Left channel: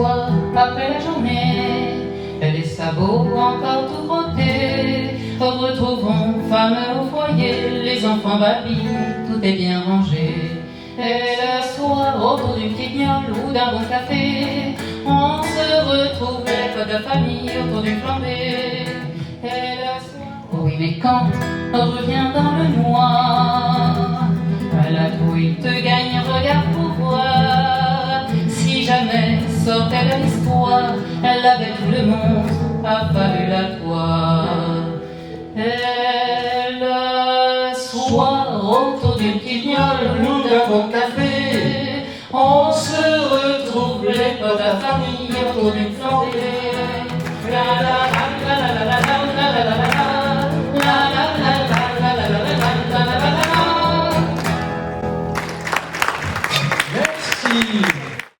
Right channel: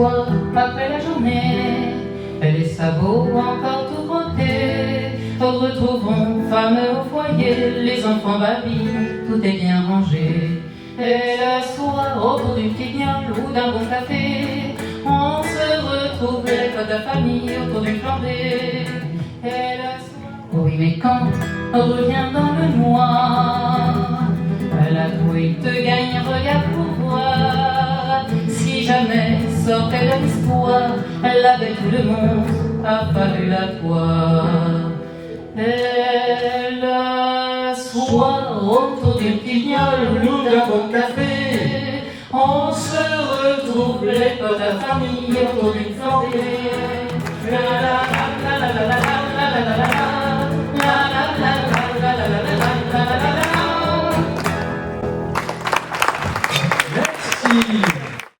soir après la journée, les sabots encore tout crottés, retrouvons femme au foyer, les enfants babillent, tout est bien rangé. Et le soir, autour d'une petite gnôle ou d'un bon café, on se retrouve les potes de famille autour d'une flambée. Et le soir, oui mais quand revient dans le noir, la douille te gagne, regarde pour voir. Si jamais sortait de l'histoire, elle avait tout le monde a fallu la voir. Et le soir, autour d'une petite gnôle ou d'un bon café, on se retrouve les potes de la famille autour d'une flambée. La la la la la la la la la la la. Merci.